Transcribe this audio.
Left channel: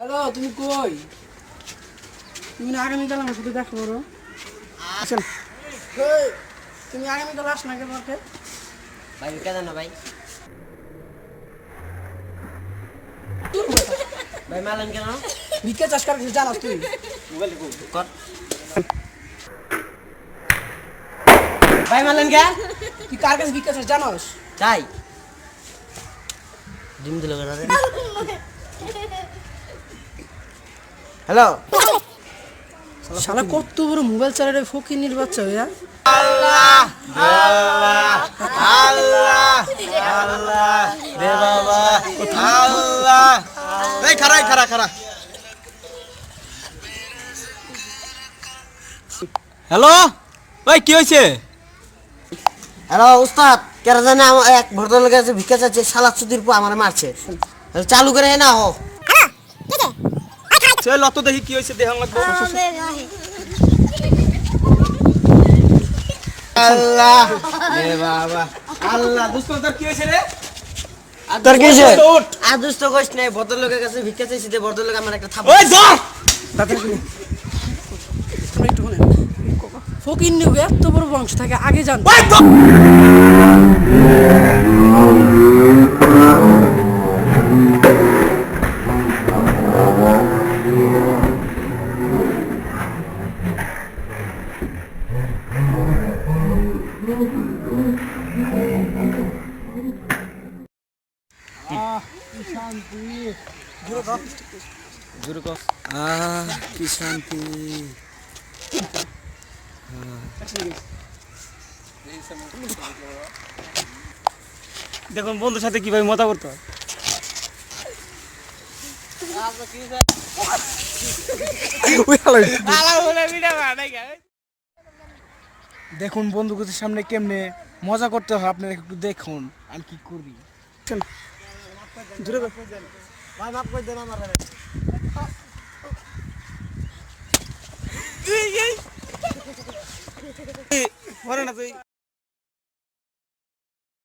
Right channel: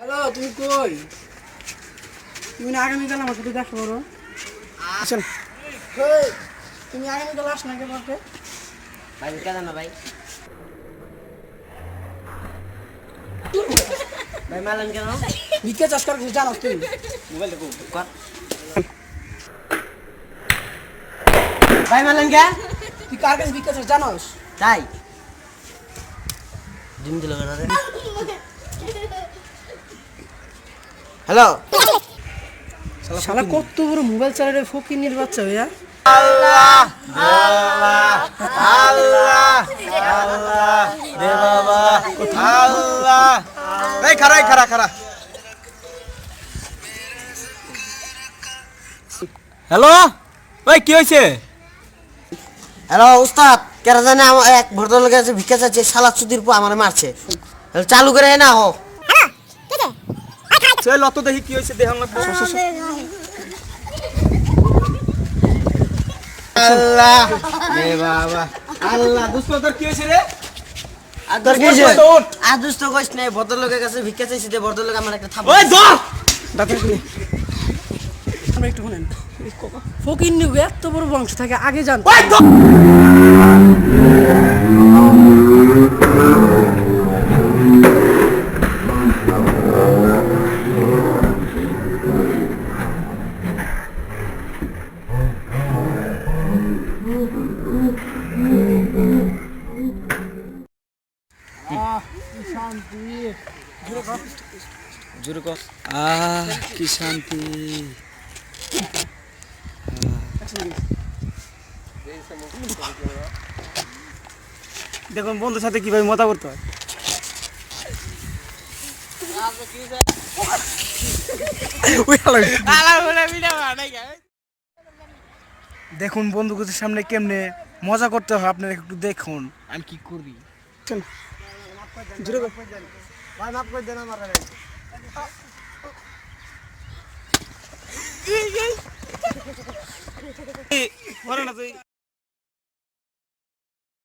Hello, তুমি কই? তুমি না আগামীকাল আমার সাথে দেখা করো। আসেন। তুমি আগামীকাল আস না কেন? ভাই কেন না ভাই? ভাই মালেন কেন? ভিক্ষা চাষ করার কিছু জানাস তুই? মোবাইল কর। ভাই মালেন কে? তুই কার কাছে ভিক্ষা চাষ জানাস? তাই ডিম দিল কেন রে? হ্যালো শালা কত বড় মোবাইল চালারে ফকিন্নির বাচ্চা হইয়া। আল্লাহ আল্লাহ দে বাবা আল্লাহ। এই খারা হ্যালো, ওই কি হয়েছে? হ্যালো উস্তাদ, কেন জানে এক ভদ্রলোক আছে ভিক্ষা চাচ্ছে, শালা চুদির পর আমার মারছে। চালু করে না হো চল অত দেখি কি হয়েছে দেহ লাগবে। আল্লাহ দে বাবা আল্লাহ। দোস্ত তোর কি হয়েছে রে? তোর কি আদুস তো কইস নাই, ভদ্রলোকের কাছে ভিক্ষা চাইছি, যে ভদ্রলোক আমার একটা থাপ। ওই যা দাদা তুমি আমরা একটু শুনেন। ফকিন্নি এত বড় বংশ থাকে আগে জানতো। ওই তো কি শান্তি। দেখুন বন্ধুর সাথে কিভাবে মজা করতে হয়। দেখুন বন্ধুদের সামনে কেমনে মজা করতে হয়, আপনারা একটু দেখুন আমি কি করি। ভাই মাফ করে দেন আমার। মরে না তুই।